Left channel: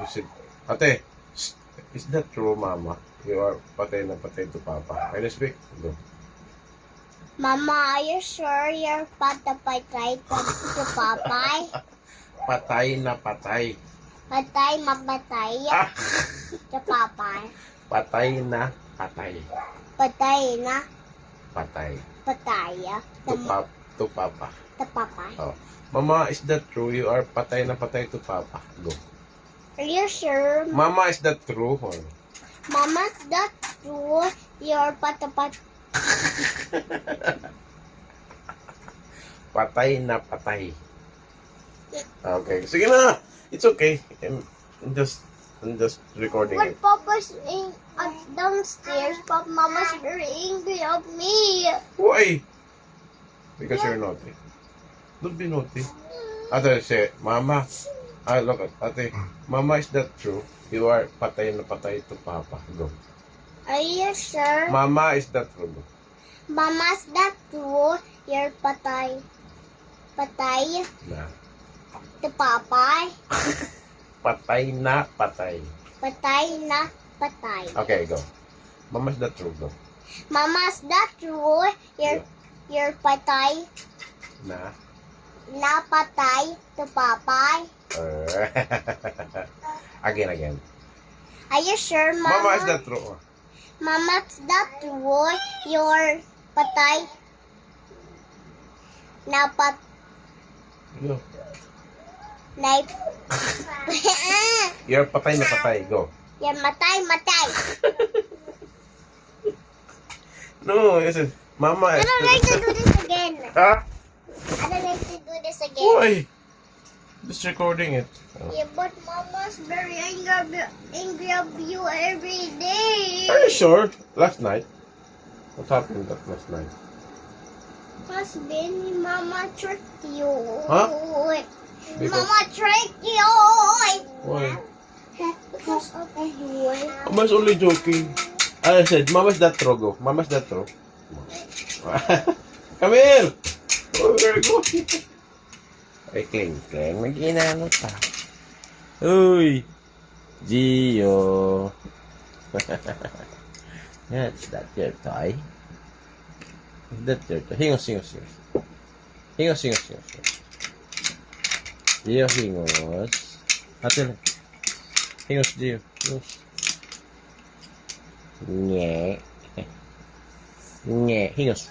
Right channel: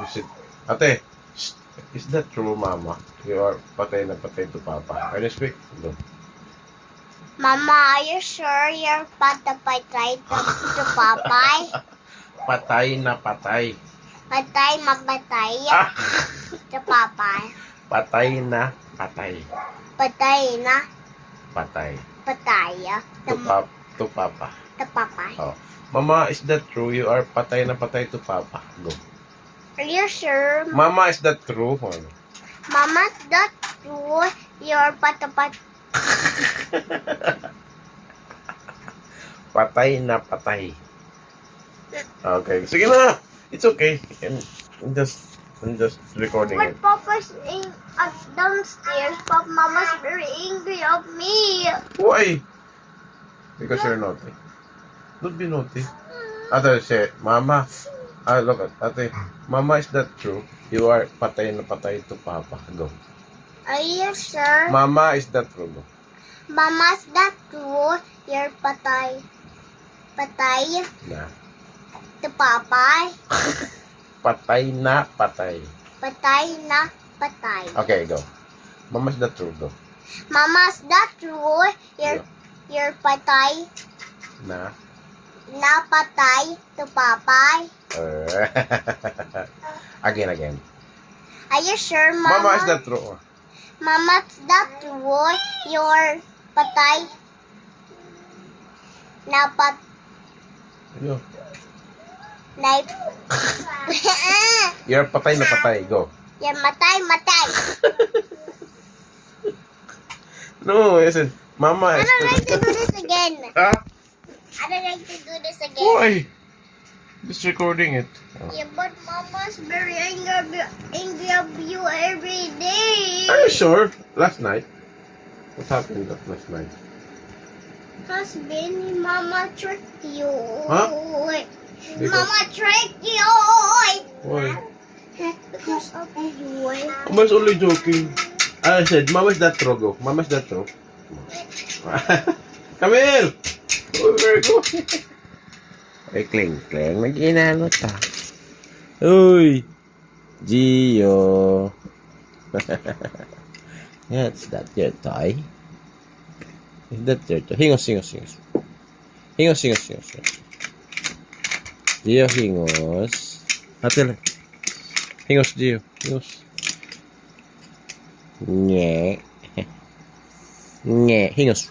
Is it, ate, is that true, Mama? You are patay na patay to Papa. Can you speak? Go. Mama, are you sure you're patay to Papay? Patay na patay. Patay mapatay Ah! to Papay. Patay na patay. Patay na Patay. patay To Papa. to Papay. Oh. Mama, is that true? You are patay na patay to Papa. Go. Are you sure? Mama, is that true? Mama, that's true. You're patay. Patay na patay. Okay. Sige na. It's okay. I'm just recording But it. Papa's downstairs. Mama's very angry of me. Why? Because you're naughty. Don't be naughty. Ate, say, Mama. Look at Ate. Mama, is that true? You are patay na patay to Papa. Go. Are you sure? Mama, is that true? Go. Mama's that true. You're patay Na. to Papay. Patay na patay. Patay na patay. Okay, go. Mama, is that true? Go. Mama's that true. You're patay Na. na patay to Papay. Again. Are you sure, Mama? Mama, is that true? Mama's that true. You're patay na Yo. na You're patay na patay. Go. You're matay. No, I said, Mama, I is don't like to do this again. Ah? I don't like to do this again. Why? Just recording it. Yeah, but Mama's very angry of you every day. Are you sure? Last night? What happened that last night? Because Benny, Mama tricked you. Huh? Because- Mama tricked you. Why? Because of you. Mama's only joking. I said, Mama's that true. Go. Mama's that true. Come here! Oh, where are you going? Ay, Kling. Nag-inano ta. Uy! Gio! Yes, that your toy? Is that your toy? Hingos. Gio, hingos. Ate, hingos, Gio. Hingos. Nye. Hingos.